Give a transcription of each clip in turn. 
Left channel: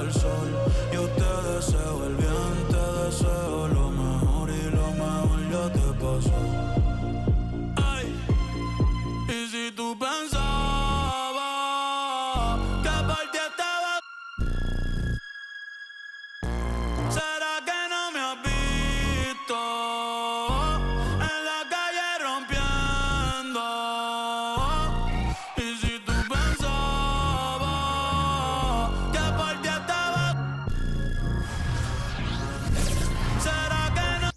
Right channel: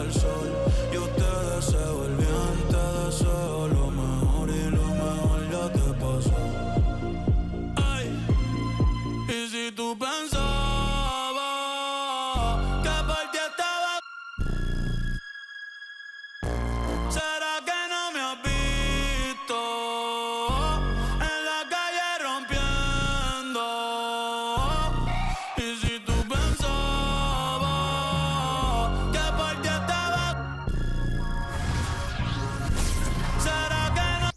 del sol. Yo te deseo el bien, te deseo lo mejor y lo mejor ya te pasó. Ay, y si tú pensabas que por ti estaba, ¿será que no me has visto en la calle rompiendo? Y si tú pensabas que por ti estaba, ¿será que no?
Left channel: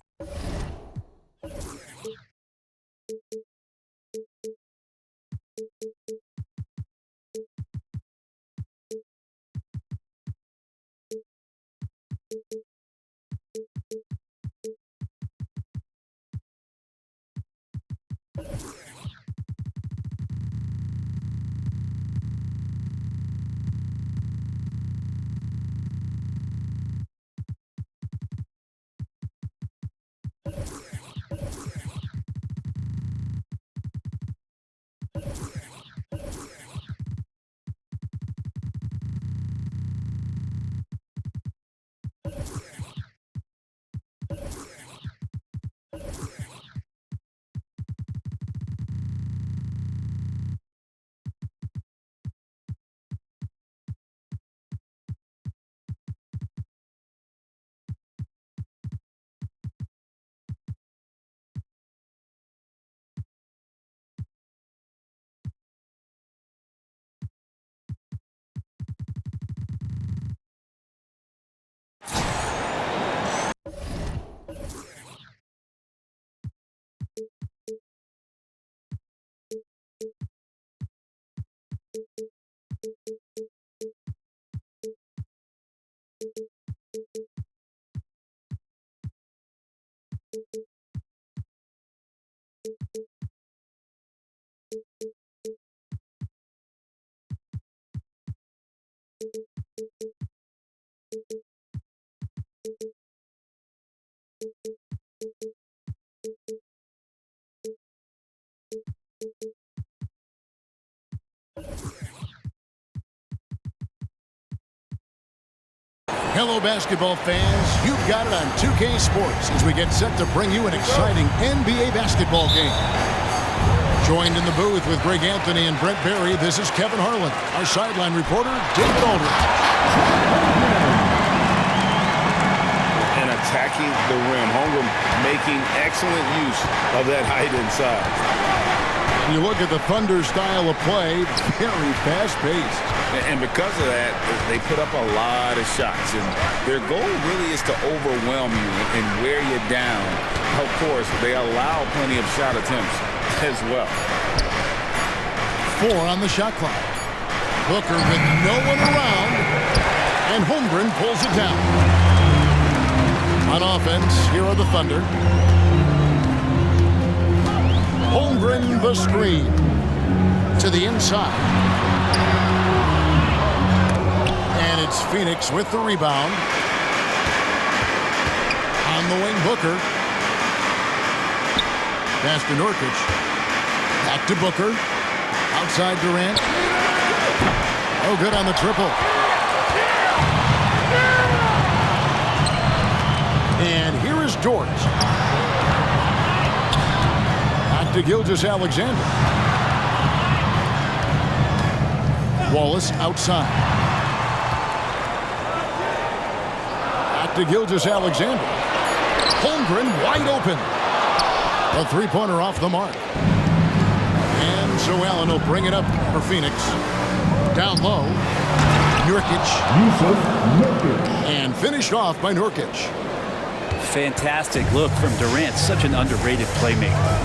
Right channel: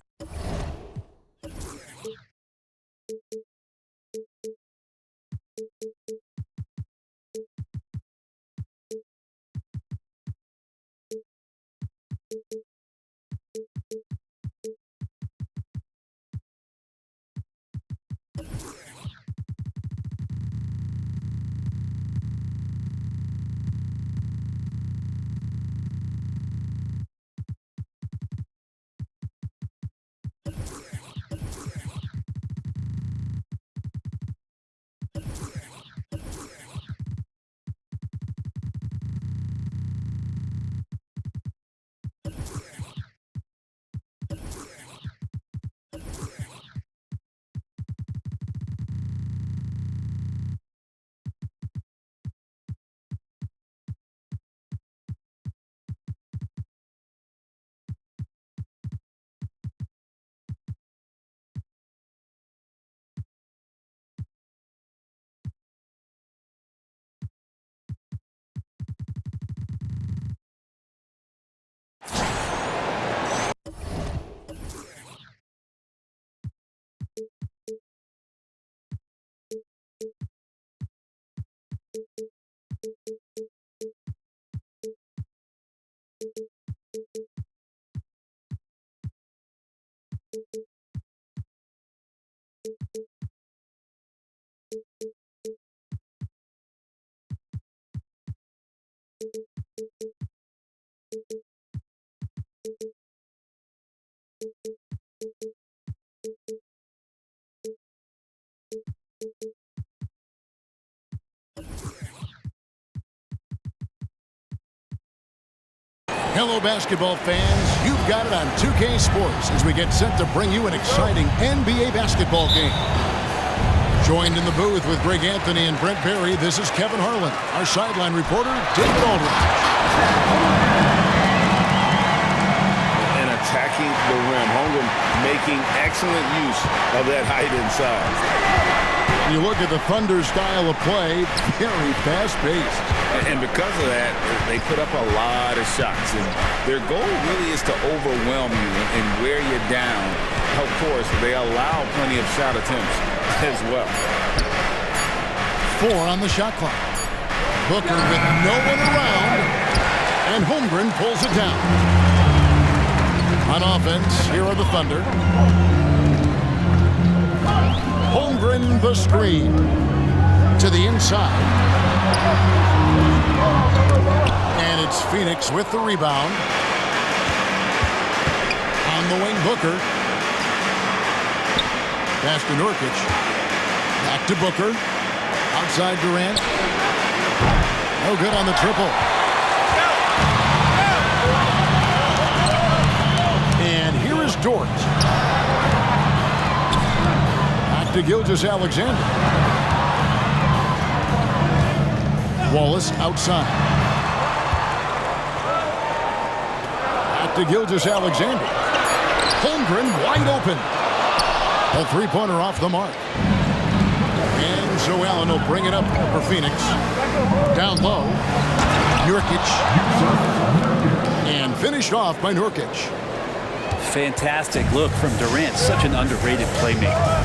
Hello, basketball fans. You've got it on 2K Sports as we get set to bring you an exciting NBA basketball game. Joined in the booth with Greg Anthony and Brent Barry, this is Kevin Harlan. Our sideline reporter, David Aldridge. And attacking the rim. Holmgren making excellent use of that height inside. And you look at the Thunder style of play, very fast-paced. And because of that, they put up a lot of shots. And their goal really is to overwhelm you and wear you down. Of course, they allow plenty of shot attempts as well. 4 on the shot clock. Booker with no one around. And Holmgren pulls it down. On offense, here are the Thunder. Holmgren the screen. To the inside. And it's Phoenix with the rebound. On the wing, Booker. Pass to Nurkic. Back to Booker. Outside Durant. No good on the triple. And here is Dort. Back to Gilgeous-Alexander. Wallace outside. Back to Gilgeous-Alexander. Holmgren wide open. A three-pointer off the mark. And so Allen will bring it up for Phoenix. Down low. Nurkic. And finished off by Nurkic. Fantastic look from Durant. Such an underrated playmaker.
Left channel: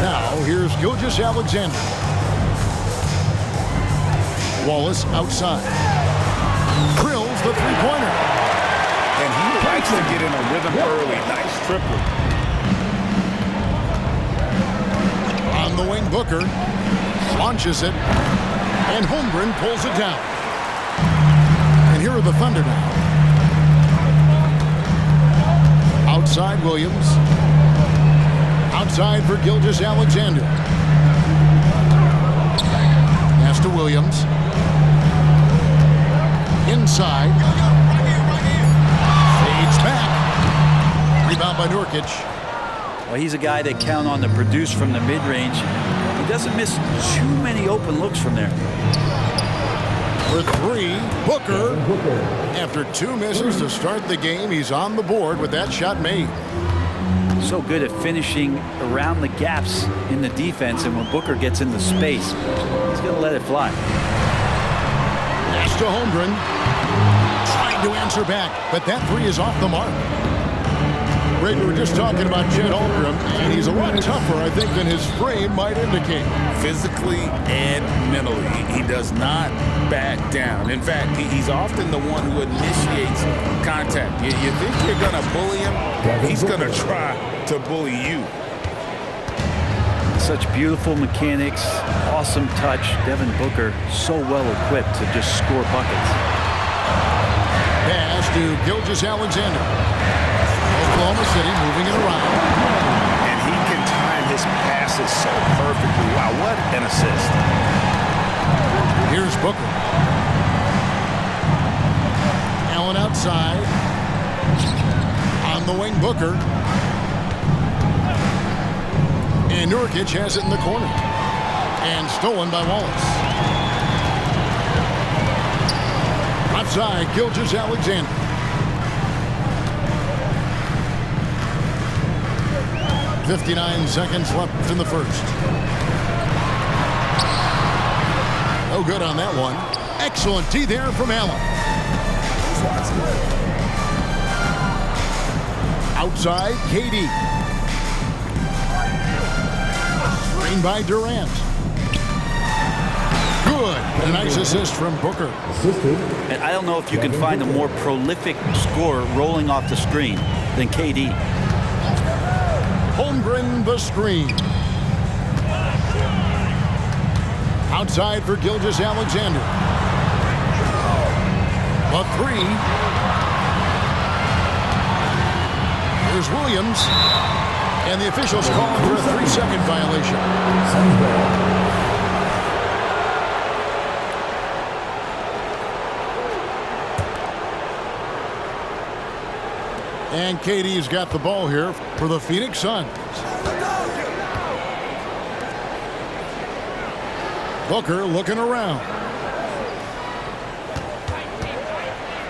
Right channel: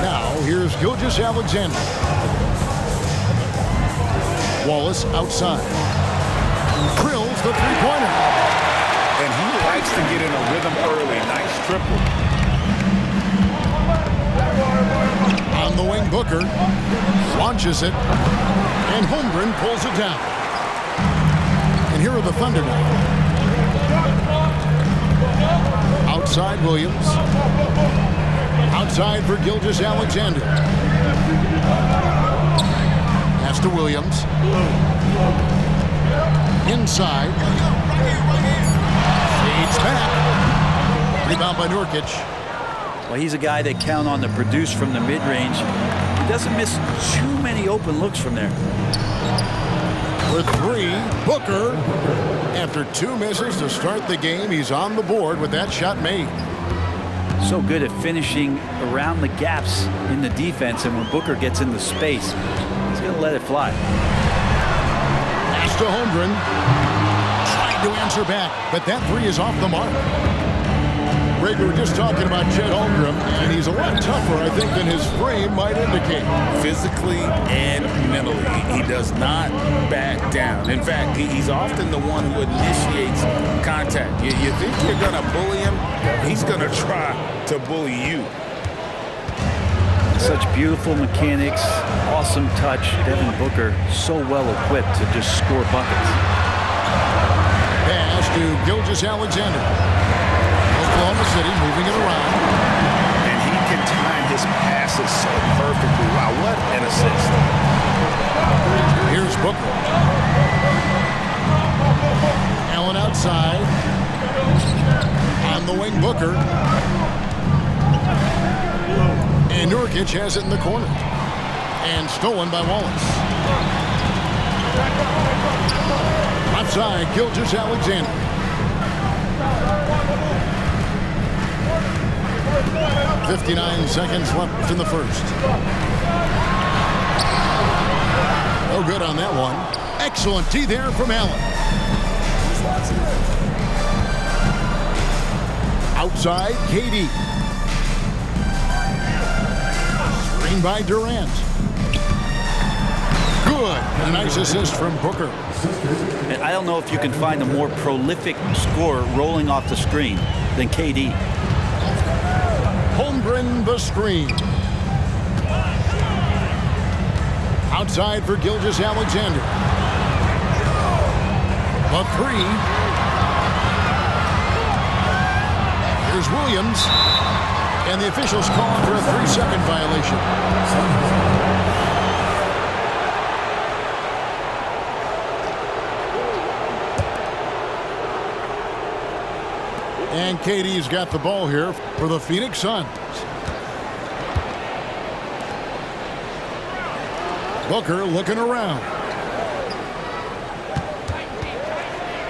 Now here's Gilgeous-Alexander. Wallace outside. Drills the three-pointer. And he likes to get in a rhythm early. Nice triple. On the wing, Booker launches it, and Holmgren pulls it down. And here are the Thunder now. Outside Williams. Outside for Gilgeous-Alexander. Pass to Williams. Inside. Fades back. Rebound by Nurkic. Well, he's a guy they count on to produce from the mid-range. He doesn't miss too many open looks from there. For three, Booker. After 2 misses to start the game, he's on the board with that shot made. So good at finishing around the gaps in the defense, and when Booker gets into space, he's going to let it fly. Pass to Holmgren. Trying to answer back, but that three is off the mark. Greg, we were just talking about Chet Holmgren, and he's a lot tougher, I think, than his frame might indicate. Physically and mentally, he does not back down. In fact, he's often the one who initiates contact. You think you're going to bully him? He's going to try to bully you. Such beautiful mechanics, awesome touch. Devin Booker so well equipped to just score buckets. Pass to Gilgeous-Alexander. Oklahoma City moving it around. And he can time his passes so perfectly. Wow, what an assist. Here's Booker. Allen outside. On the wing, Booker. And Nurkic has it in the corner. And stolen by Wallace. Left side, Gilgeous-Alexander. 59 seconds left in the first. No good on that one. Excellent D there from Allen. Outside, KD. Screen by Durant. Good. A nice assist from Booker. And I don't know if you can find a more prolific scorer rolling off the screen than KD. Holmgren the screen. Outside for Gilgeous-Alexander. The three. Here's Williams. And the officials calling for a 3-second violation. And KD's got the ball here for the Phoenix Suns. Booker looking around.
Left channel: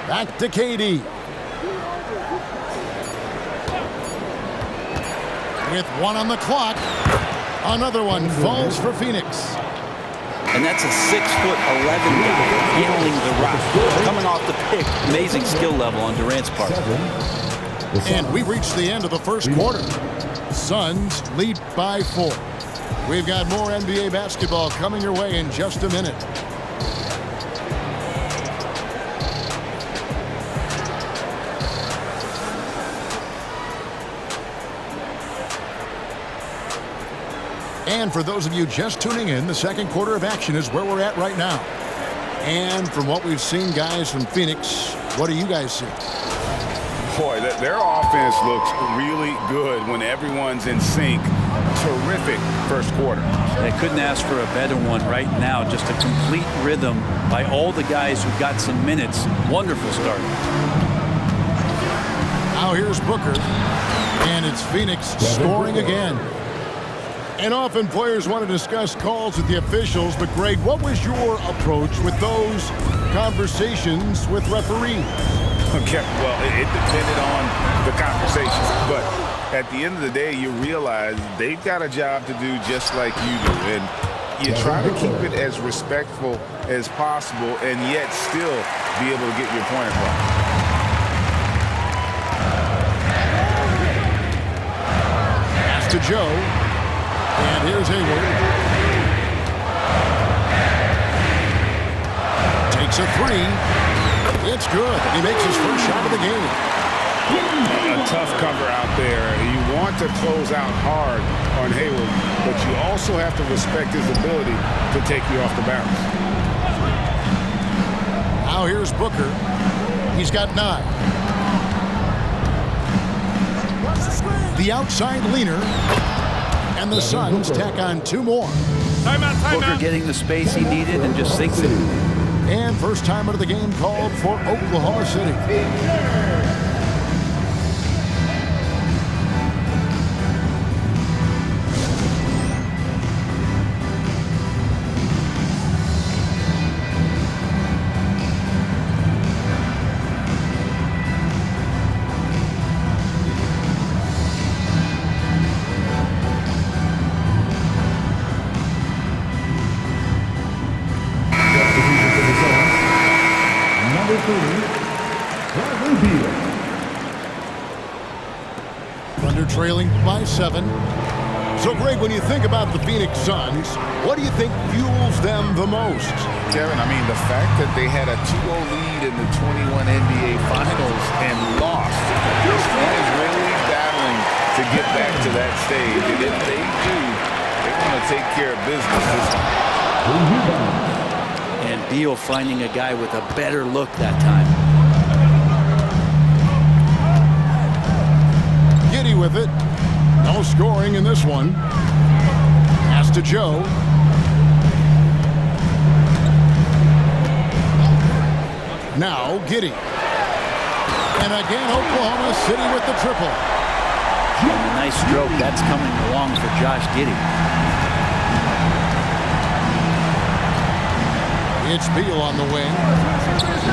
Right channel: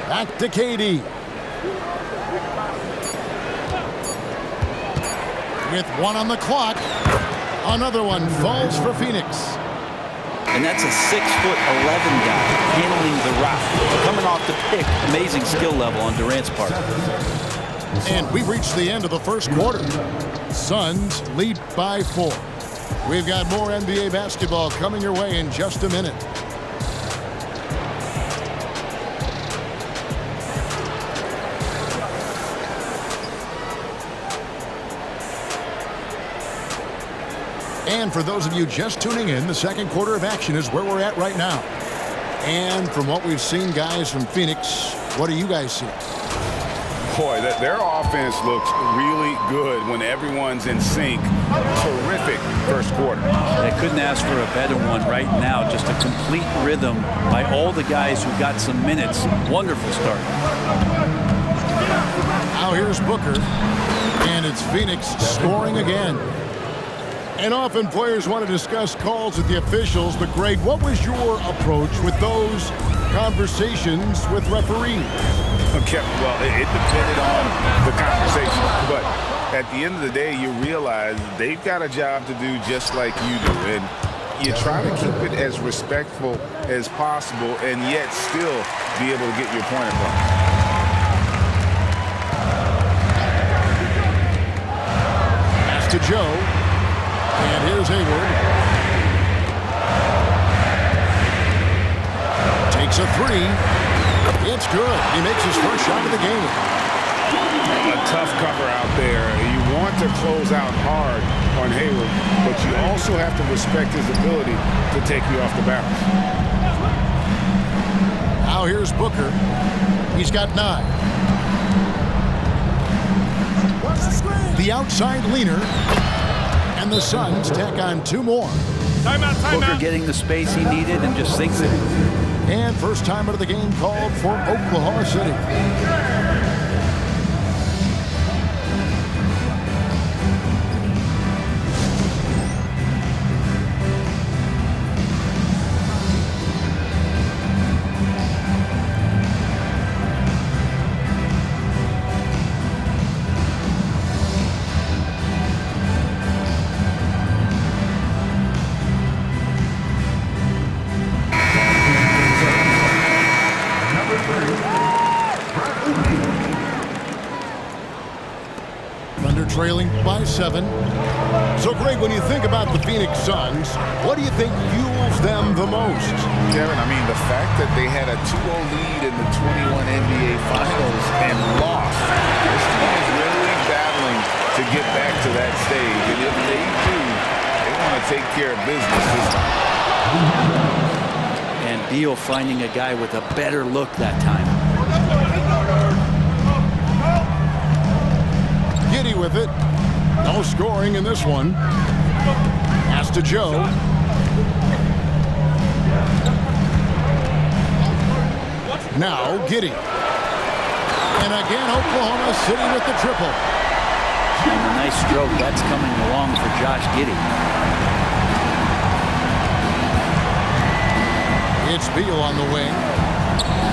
Back to KD. With 1 on the clock. Another one falls for Phoenix. And that's a 6'11" guy handling the rock. Coming off the pick, amazing skill level on Durant's part. And we reached the end of the first quarter. Suns lead by 4. We've got more NBA basketball coming your way in just a minute. And for those of you just tuning in, the second quarter of action is where we're at right now. And from what we've seen, guys, from Phoenix, what do you guys see? Boy, their offense looks really good when everyone's in sync. Terrific first quarter. They couldn't ask for a better one right now. Just a complete rhythm by all the guys who got some minutes. Wonderful start. Now here's Booker. And it's Phoenix scoring again. And often players want to discuss calls with the officials, but Greg, what was your approach with those conversations with referees? Okay, well, it depended on the conversation, but at the end of the day, you realize they've got a job to do just like you do, and you try to keep it as respectful as possible and yet still be able to get your point across. Pass to Joe, and here's Hayward. Takes a three. It's good. He makes his first shot of the game. A tough cover out there. You want to close out hard on Hayward, but you also have to respect his ability to take you off the bounce. Now here's Booker. He's got 9. The outside leaner. And the Suns tack on 2 more. Booker getting the space he needed and just sinks it. And first time out of the game called for Oklahoma City. Thunder trailing by 7. So, Greg, when you think about the Phoenix Suns, what do you think fuels them the most? Kevin, I mean, the fact that they had a 2-0 lead in the 21 NBA Finals and lost. This team is really battling to get back to that stage. And if they do, they want to take care of business this time. And Beal finding a guy with a better look that time. Giddey with it. No scoring in this one. Pass to Joe. Now Giddey. And again, Oklahoma City with the triple. And a nice stroke. That's coming along for Josh Giddey. It's Beal on the wing.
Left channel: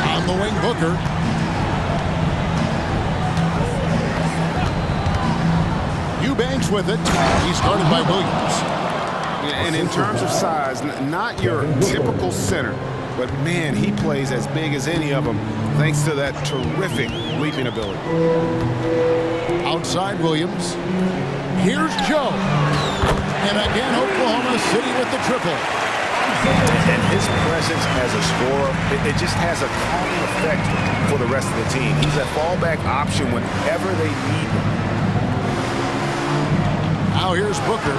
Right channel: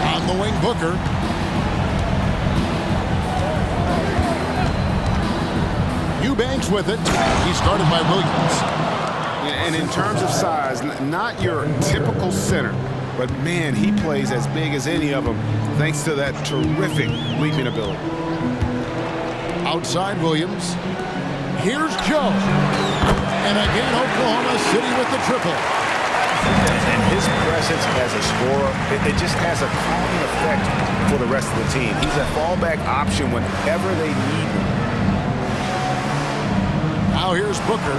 On the wing, Booker. Eubanks with it. He's guarded by Williams. And in terms of size, not your typical center, but man, he plays as big as any of them thanks to that terrific leaping ability. Outside Williams. Here's Joe. And again, Oklahoma City with the triple. And his presence as a scorer, it just has a calming effect for the rest of the team. He's a fallback option whenever they need one. Now here's Booker.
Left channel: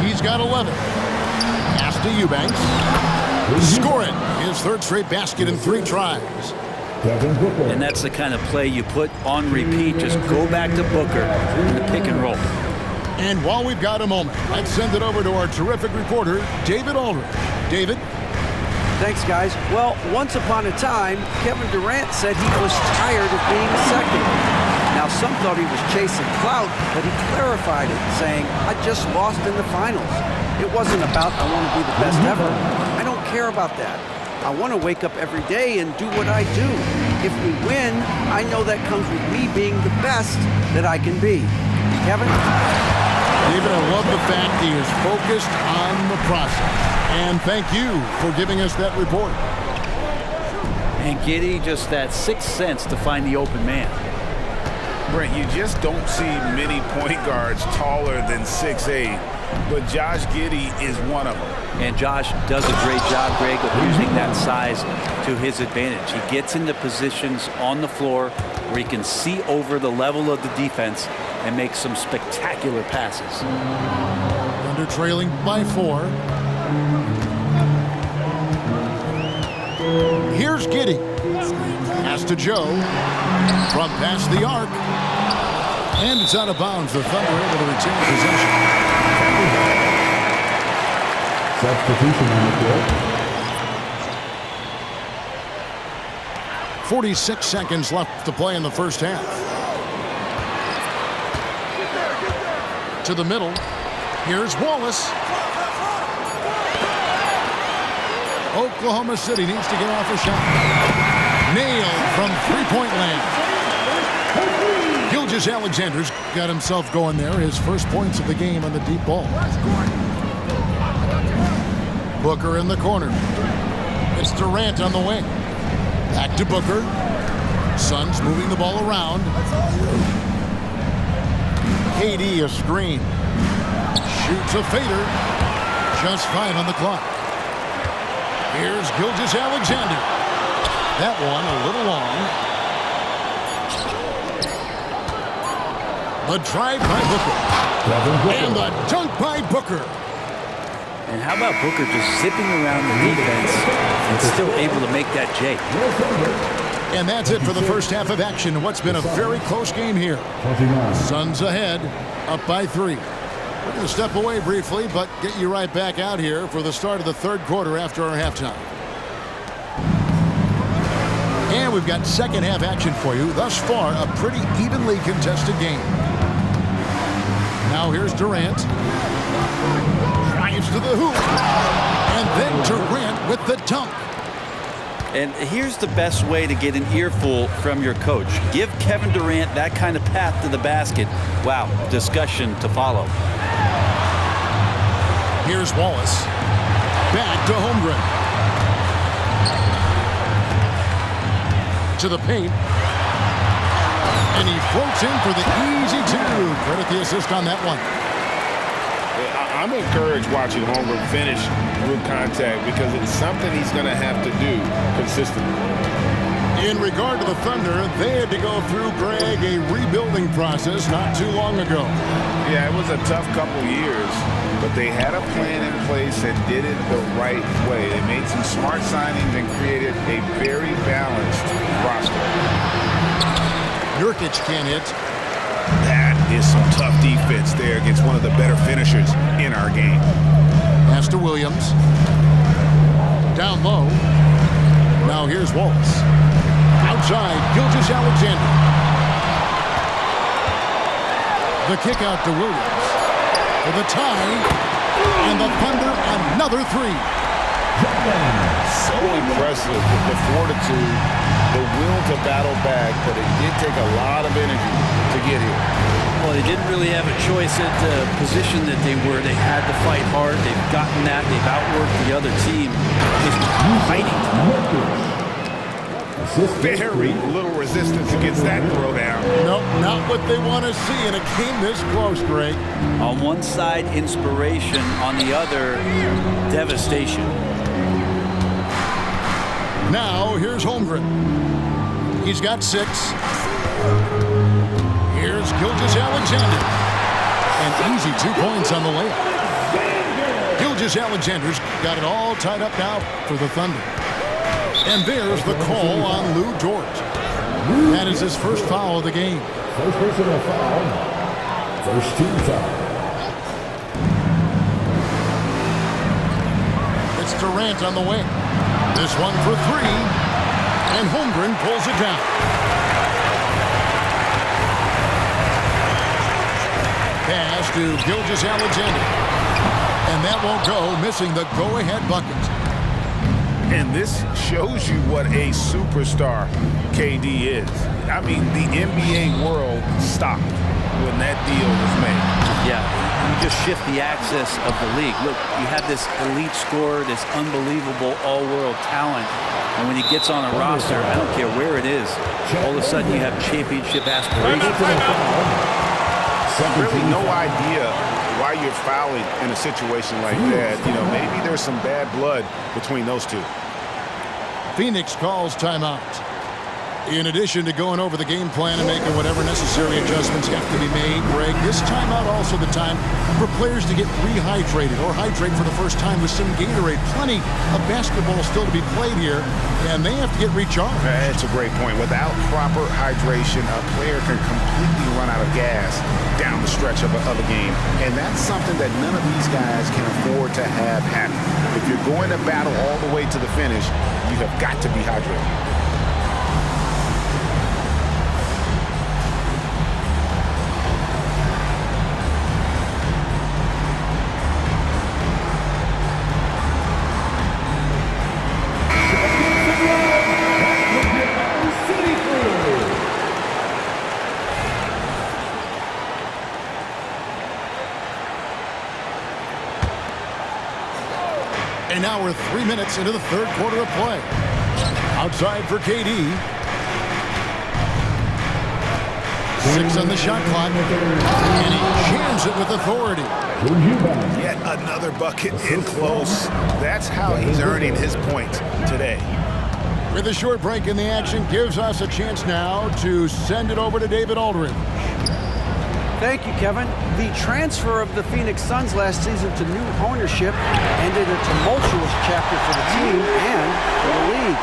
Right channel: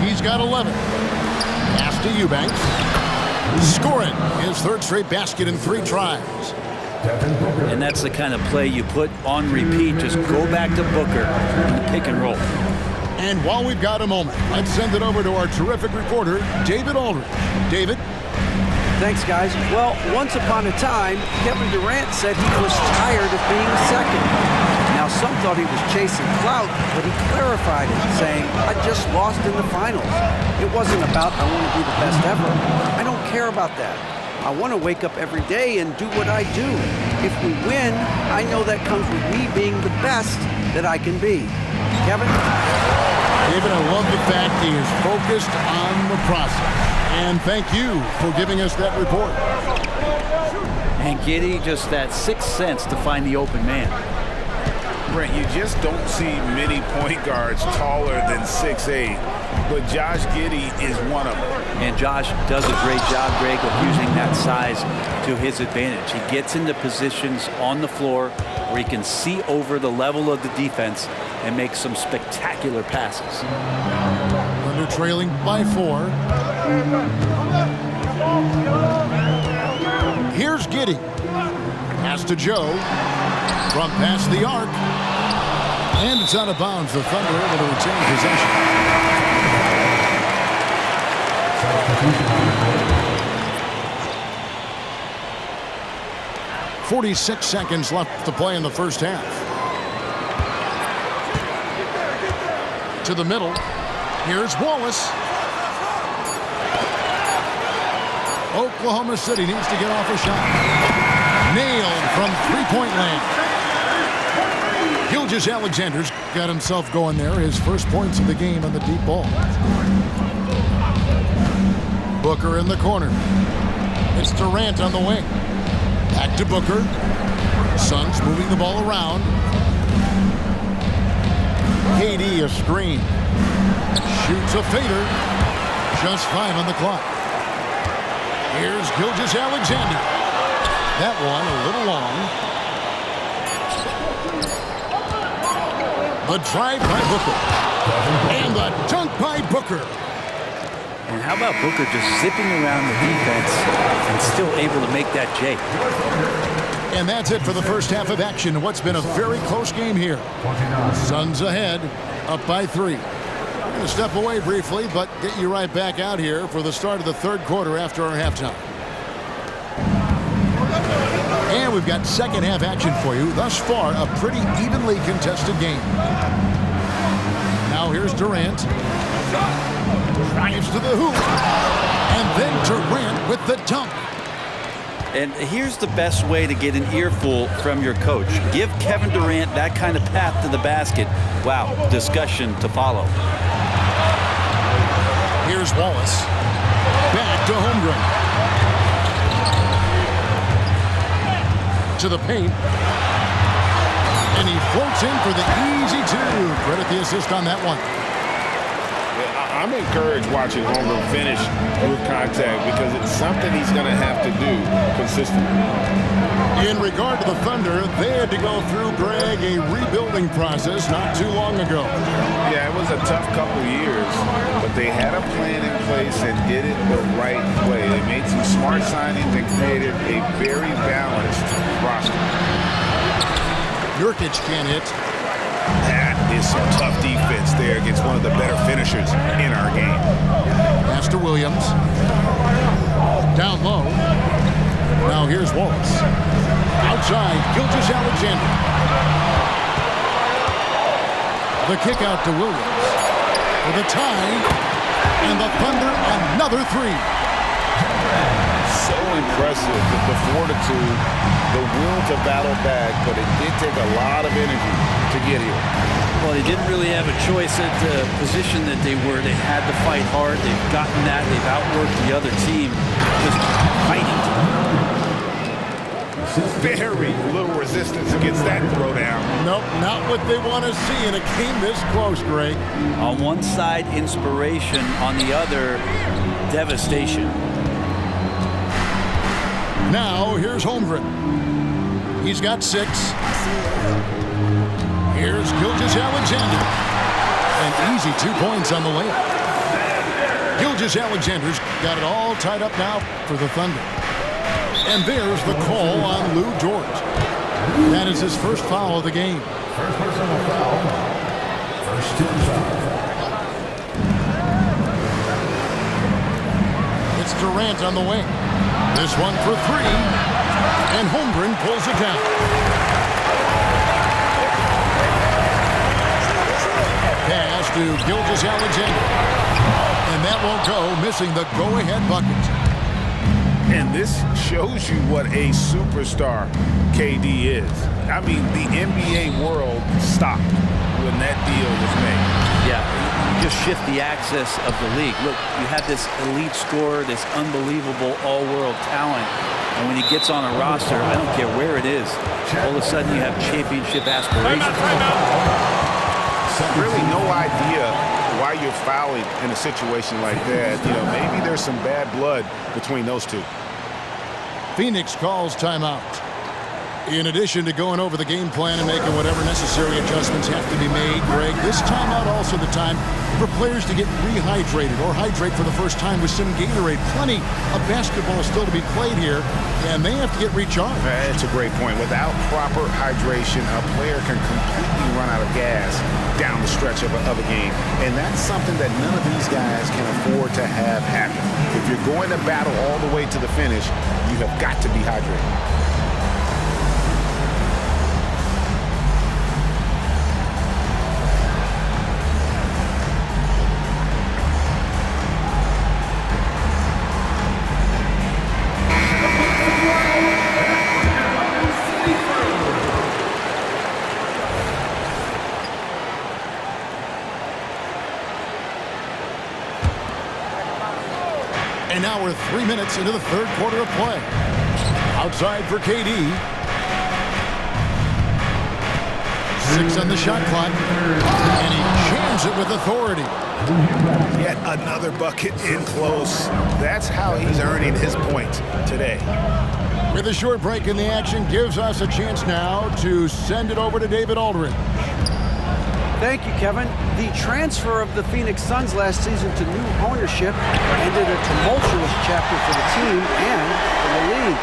He's got 11. Pass to Eubanks. Scoring his third straight basket in 3 tries. And that's the kind of play you put on repeat. Just go back to Booker in the pick and roll. And while we've got a moment, let's send it over to our terrific reporter, David Aldridge. David? Thanks, guys. Well, once upon a time, Kevin Durant said he was tired of being second. Now, some thought he was chasing clout, but he clarified it, saying, I just lost in the finals. It wasn't about, I want to be the best ever. I don't care about that. I want to wake up every day and do what I do. If we win, I know that comes with me being the best that I can be. Kevin? David, I love the fact he is focused on the process. And thank you for giving us that report. And Giddey, just that 6th sense to find the open man. Brent, you just don't see many point guards taller than 6'8", but Josh Giddey is one of them. And Josh does a great job, Greg, of using that size to his advantage. He gets into positions on the floor where he can see over the level of the defense and make some spectacular passes. Thunder trailing by 4. Here's Giddey. Pass to Joe. From past the arc. And it's out of bounds. The Thunder able to retain possession. Substitution on the court. 46 seconds left to play in the first half. To the middle. Here's Wallace. Oklahoma City needs to get off a shot. Nailed from three-point land. Gilgeous-Alexander's got himself going there. His first points of the game on the deep ball. Booker in the corner. It's Durant on the wing. Back to Booker. Suns moving the ball around. KD a screen. Shoots a fader. Just 5 on the clock. Here's Gilgeous-Alexander. That one a little long. The drive by Booker. And the dunk by Booker. And how about Booker just zipping around the defense and still able to make that J? And that's it for the first half of action. What's been a very close game here. Suns ahead, up by 3. We're going to step away briefly, but get you right back out here for the start of the third quarter after our halftime. And we've got second half action for you. Thus far, a pretty evenly contested game. Now here's Durant. Drives to the hoop. And then Durant with the dunk. And here's the best way to get an earful from your coach. Give Kevin Durant that kind of path to the basket. Wow, discussion to follow. Here's Wallace. Back to Holmgren. To the paint. And he floats in for the easy two. Credit the assist on that one. I'm encouraged watching Holmgren finish through contact because it's something he's going to have to do consistently. In regard to the Thunder, they had to go through, Greg, a rebuilding process not too long ago. Yeah, it was a tough couple years, but they had a plan in place and did it the right way. They made some smart signings and created a very balanced roster. Nurkic can't hit. That is some tough defense there against one of the better finishers in our game. Pass to Williams. Down low. Now here's Wallace. Outside, Gilgeous-Alexander. The kick out to Williams. For the tie. And the Thunder another three. So impressive, the fortitude, the will to battle back, but it did take a lot of energy to get here. Well, they didn't really have a choice at the position that they were. They had to fight hard. They've gotten that. They've outworked the other team. Just fighting tonight. Very little resistance against that throwdown. Nope, not what they want to see in a game this close, Greg. On one side, inspiration. On the other, devastation. Now, here's Holmgren. He's got 6. Here's Gilgeous-Alexander. An easy 2 points on the layup. Gilgeous-Alexander's got it all tied up now for the Thunder. And there's the call on Lou Dort. That is his first foul of the game. First personal foul. First team foul. It's Durant on the wing. This one for 3. And Holmgren pulls it down. Pass to Gilgeous-Alexander. And that won't go, missing the go-ahead bucket. And this shows you what a superstar KD is. I mean, the NBA world stopped when that deal was made. Yeah, you just shift the axis of the league. Look, you have this elite scorer, this unbelievable all-world talent, and when he gets on a roster, I don't care where it is, all of a sudden you have championship aspirations. Really no idea why you're fouling in a situation like that. You know, maybe there's some bad blood between those two. Phoenix calls timeout. In addition to going over the game plan and making whatever necessary adjustments have to be made, Greg, this timeout also the time for players to get rehydrated or hydrate for the first time with some Gatorade. Plenty of basketball still to be played here, and they have to get recharged. That's a great point. Without proper hydration, a player can completely run out of gas down the stretch of a game, and that's something that none of these guys can afford to have happen. If you're going to battle all the way to the finish, you have got to be hydrated. And now we're 3 minutes into the third quarter of play. Outside for KD. 6 on the shot clock. And he jams it with authority. Yet another bucket in close. That's how he's earning his points today. With a short break in the action, gives us a chance now to send it over to David Aldridge. Thank you, Kevin. The transfer of the Phoenix Suns last season to new ownership ended a tumultuous chapter for the team and for the league.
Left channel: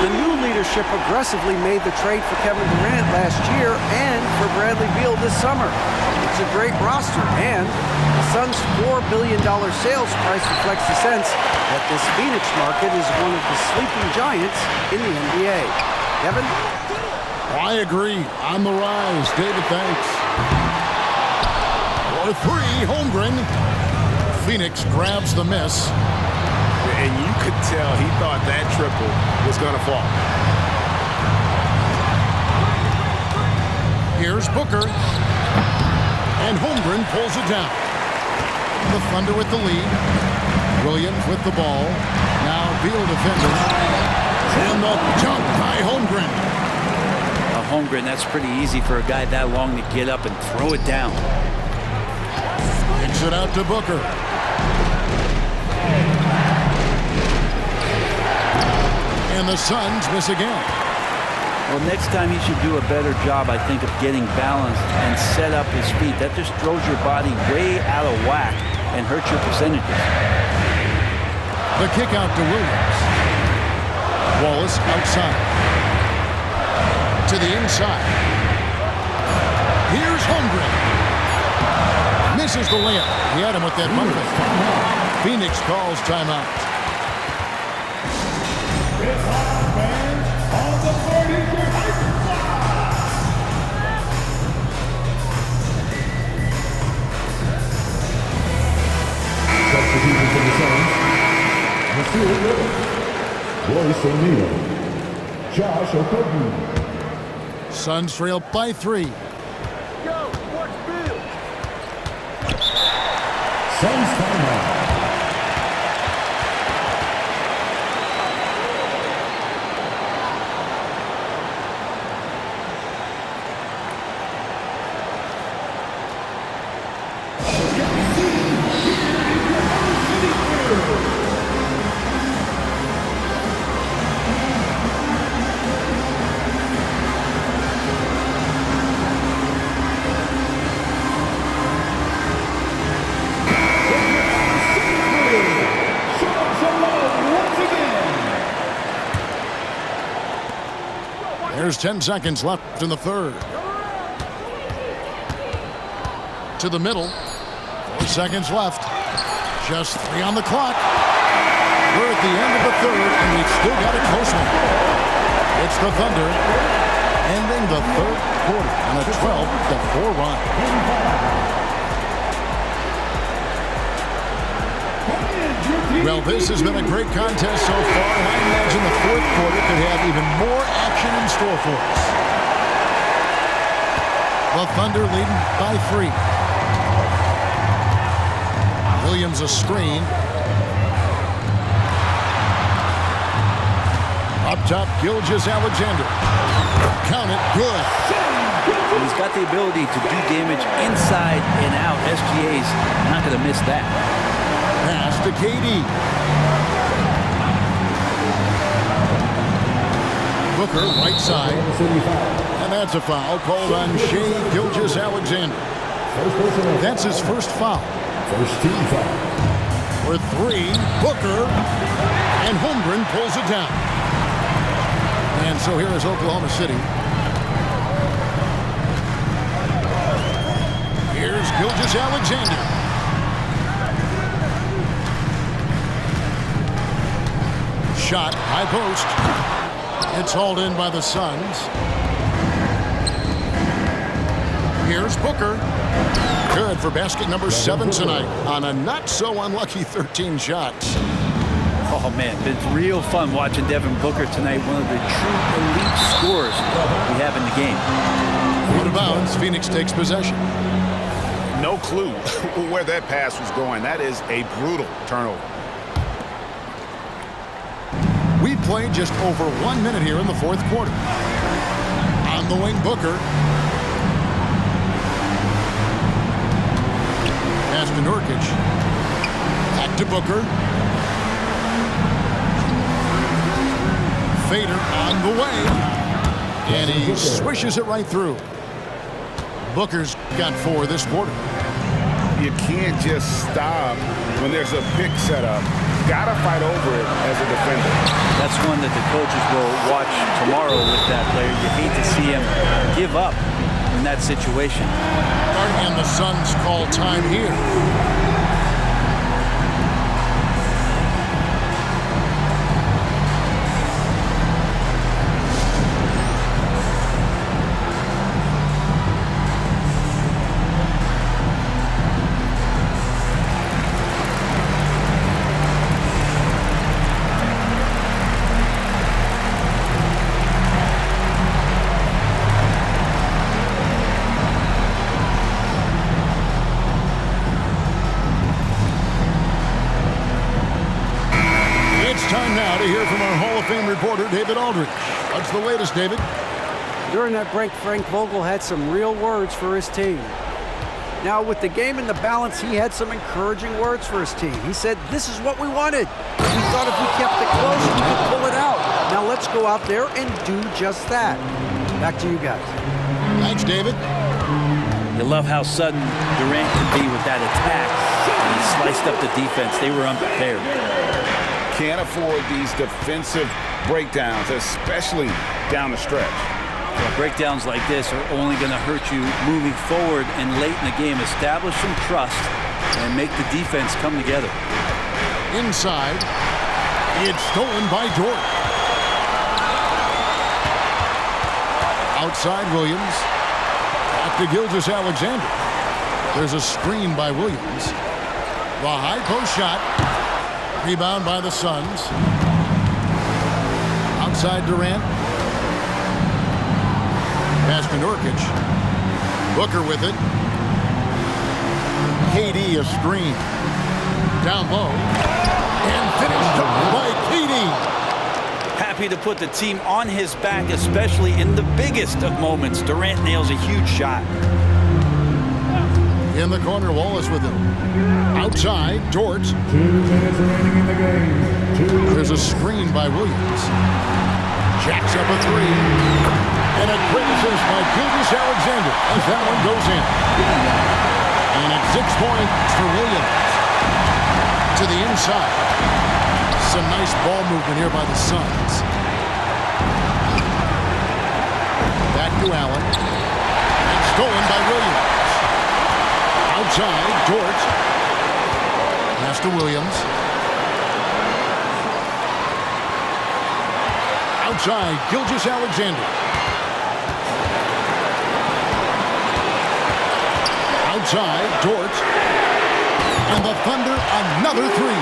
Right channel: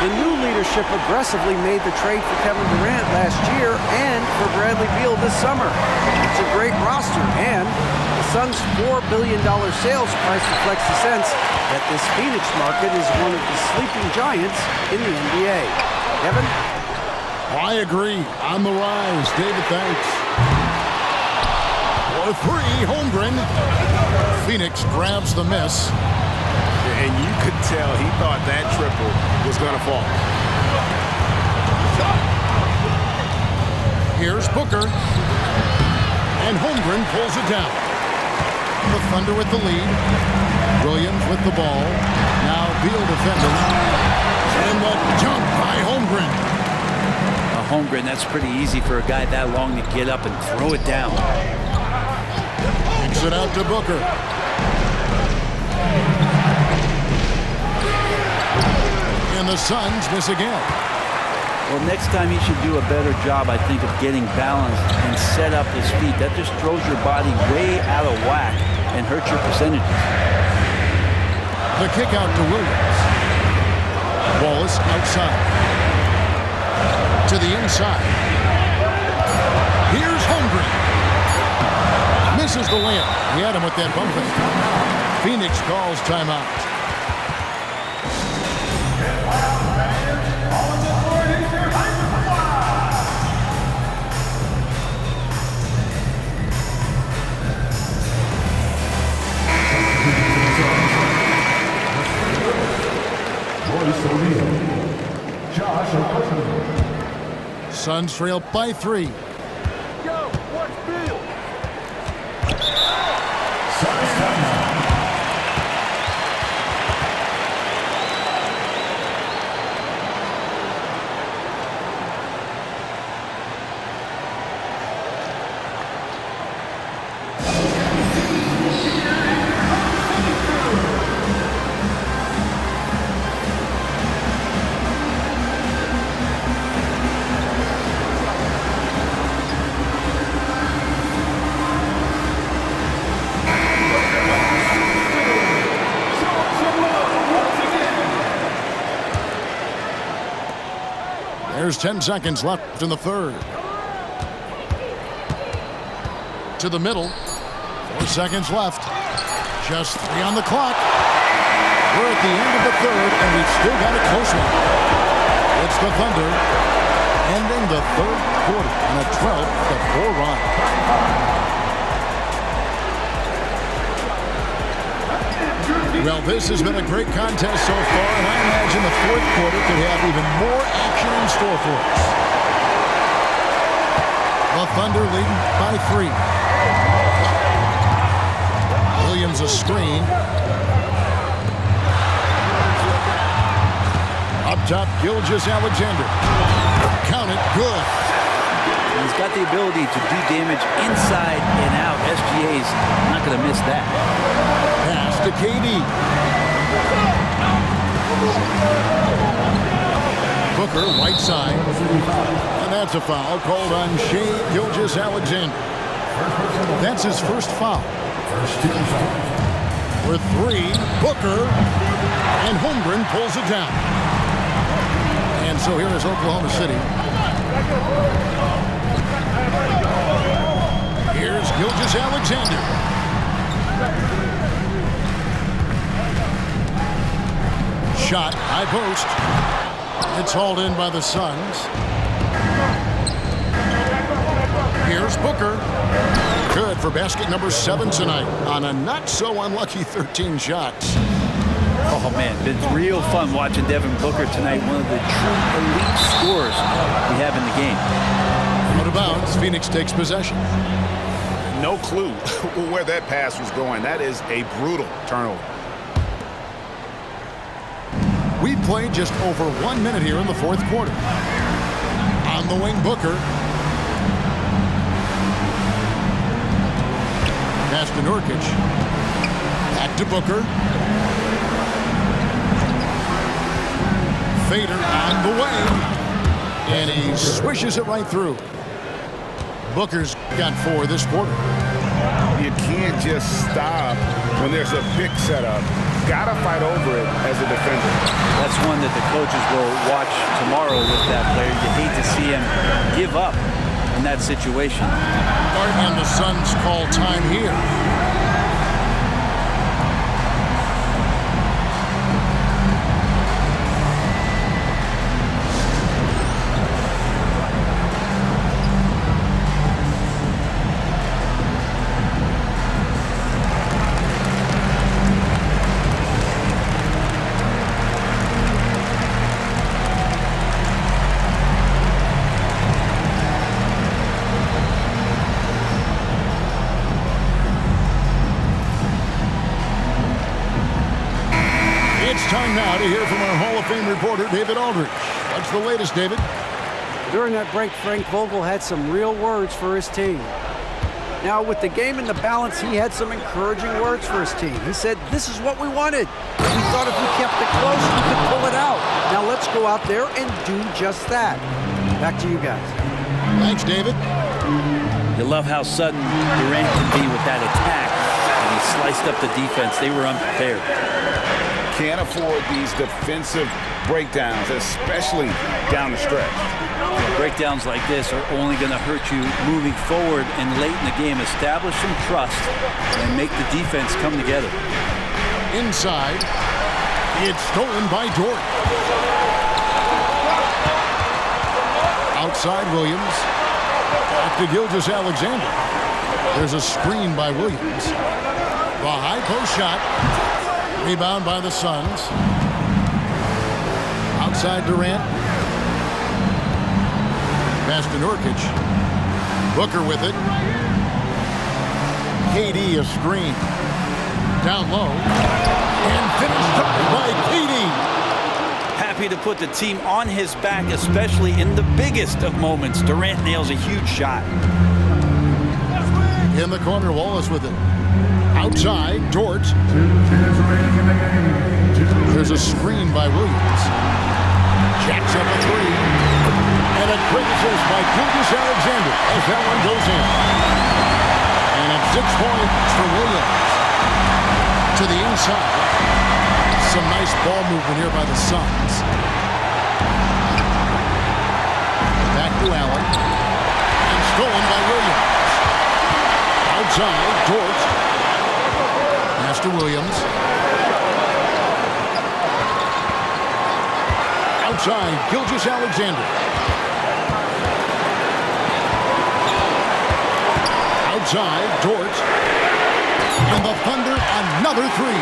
The new leadership aggressively made the trade for Kevin Durant last year and for Bradley Beal this summer. It's a great roster, and the Suns' $4 billion sales price reflects the sense that this Phoenix market is one of the sleeping giants in the NBA. Kevin? I agree. On the rise. David, thanks. For three, Holmgren. Phoenix grabs the miss. And you could tell he thought that triple was going to fall. Here's Booker. And Holmgren pulls it down. The Thunder with the lead. Williams with the ball. Now Beal defending. And the dunk by Holmgren. Holmgren, that's pretty easy for a guy that long to get up and throw it down. Kicks it out to Booker. And the Suns miss again. Well, next time he should do a better job, I think, of getting balanced and set up his feet. That just throws your body way out of whack and hurts your percentages. The kick out to Williams. Wallace outside. To the inside. Here's Holmgren. Misses the layup. He had him with that bump fake. Phoenix calls timeout. Royce O'Neal, Josh Okogie. Suns trail by 3. Yo, watch Beal. Suns timeout. There's 10 seconds left in the third. To the middle. 4 seconds left. Just 3 on the clock. We're at the end of the third, and we've still got a close one. It's the Thunder ending the third quarter on a 12-4 run. Well, this has been a great contest so far, and I imagine the fourth quarter could have even more action in store for us. The Thunder leading by 3. Williams a screen. Up top, Gilgeous-Alexander. Count it, good. He's got the ability to do damage inside and out. SGA's not going to miss that. Pass to KD. Booker, right side. And that's a foul called on Shai Gilgeous-Alexander. That's his first foul. First team foul. For 3, Booker. And Holmgren pulls it down. And so here is Oklahoma City. Here's Gilgeous-Alexander. Shot, high post. It's hauled in by the Suns. Here's Booker. Good for basket number 7 tonight on a not-so-unlucky 13 shots. Oh, man, it's real fun watching Devin Booker tonight. One of the true elite scorers we have in the game. Out of bounds, Phoenix takes possession. No clue where that pass was going. That is a brutal turnover. We played just over 1 minute here in the fourth quarter. On the wing, Booker. Pass to Nurkic. Back to Booker. Fader on the way. And he swishes it right through. Booker's got 4 this quarter. You can't just stop when there's a pick set up Gotta fight over it as a defender. That's one that the coaches will watch tomorrow with that player. You hate to see him give up in that situation. And the Suns call time here. Time now to hear from our Hall of Fame reporter, David Aldridge. What's the latest, David? During that break, Frank Vogel had some real words for his team. Now, with the game in the balance, he had some encouraging words for his team. He said, this is what we wanted. We thought if we kept it close, we could pull it out. Now let's go out there and do just that. Back to you guys. Thanks, David. You love how sudden Durant can be with that attack, and he sliced up the defense. They were unprepared. Can't afford these defensive breakdowns, especially down the stretch. Yeah, breakdowns like this are only going to hurt you moving forward and late in the game. Establish some trust and make the defense come together. Inside, it's stolen by Dort. Outside Williams. Back to Gilgeous-Alexander. There's a screen by Williams. The high post shot. Rebound by the Suns. Outside Durant. Pass to Nurkic. Booker with it. KD a screen. Down low. And finished up by KD. Happy to put the team on his back, especially in the biggest of moments. Durant nails a huge shot. In the corner, Wallace with it. Outside, Dort. 2 minutes remaining in the game. There's a screen by Williams. Jacks up a three. And a great assist by Gilgeous-Alexander as that one goes in. And it's 6 points for Williams. To the inside. Some nice ball movement here by the Suns. Back to Allen. And stolen by Williams. Outside, Dort. Pass to Williams. Outside, Gilgeous-Alexander. Outside, Dort. And the Thunder, another three.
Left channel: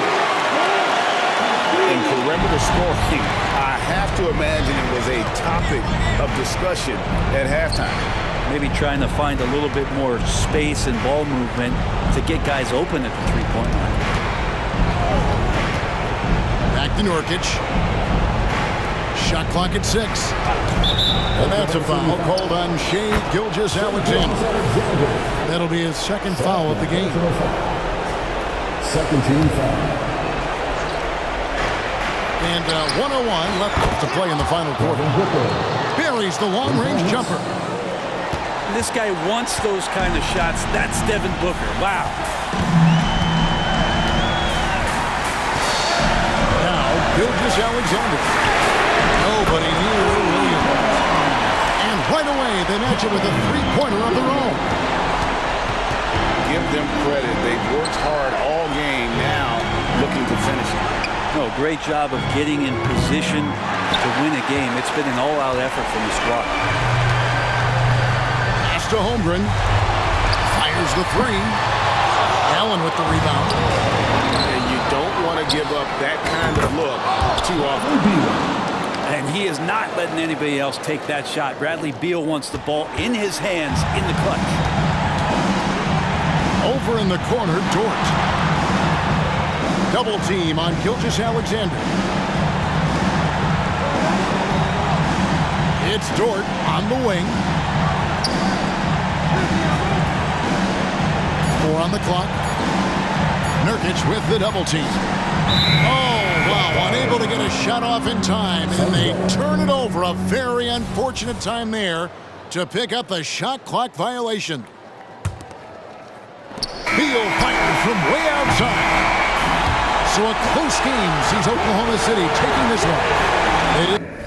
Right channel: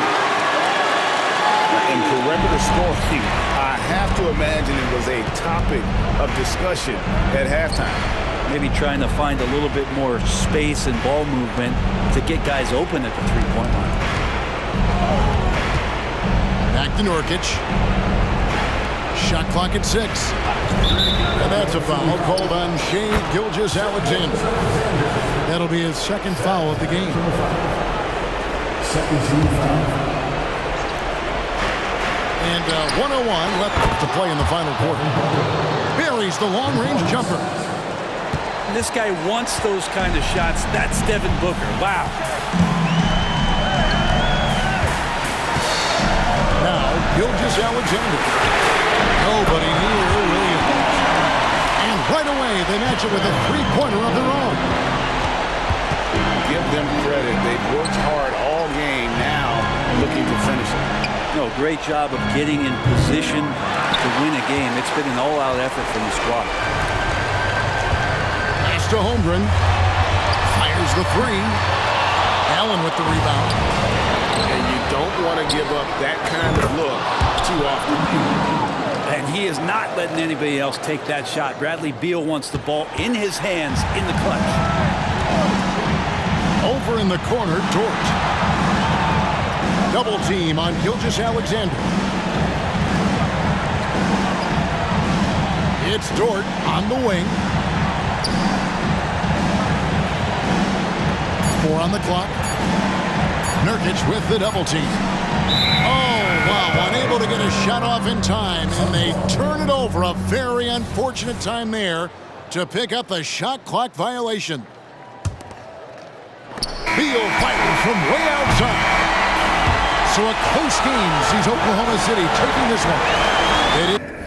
In perimeter scoring, I have to imagine it was a topic of discussion at halftime. Maybe trying to find a little bit more space and ball movement to get guys open at the three-point line. Back to Nurkic. Shot clock at 6. And that's a foul called on Shai Gilgeous-Alexander. That'll be his second foul of the game. Second team foul. And 1:01 left to play in the final quarter. Buries the long-range jumper. This guy wants those kind of shots. That's Devin Booker. Wow. Now, Gilgeous-Alexander. Nobody near Williams. And right away, they match it with a three-pointer of their own. Give them credit. They've worked hard all game, now looking to finish it. No, great job of getting in position to win a game. It's been an all-out effort from the squad. Pass to Holmgren. Fires the three. Allen with the rebound. And you don't want to give up that kind of look too often. And he is not letting anybody else take that shot. Bradley Beal wants the ball in his hands in the clutch. Over in the corner, Dort. Double team on Gilgeous-Alexander. It's Dort on the wing. 4 on the clock. Nurkic with the double team. Oh, wow, unable to get a shot off in time, and they turn it over. A very unfortunate time there to pick up the shot clock violation. Beal fires from way outside. So a close game sees Oklahoma City taking this one. They did.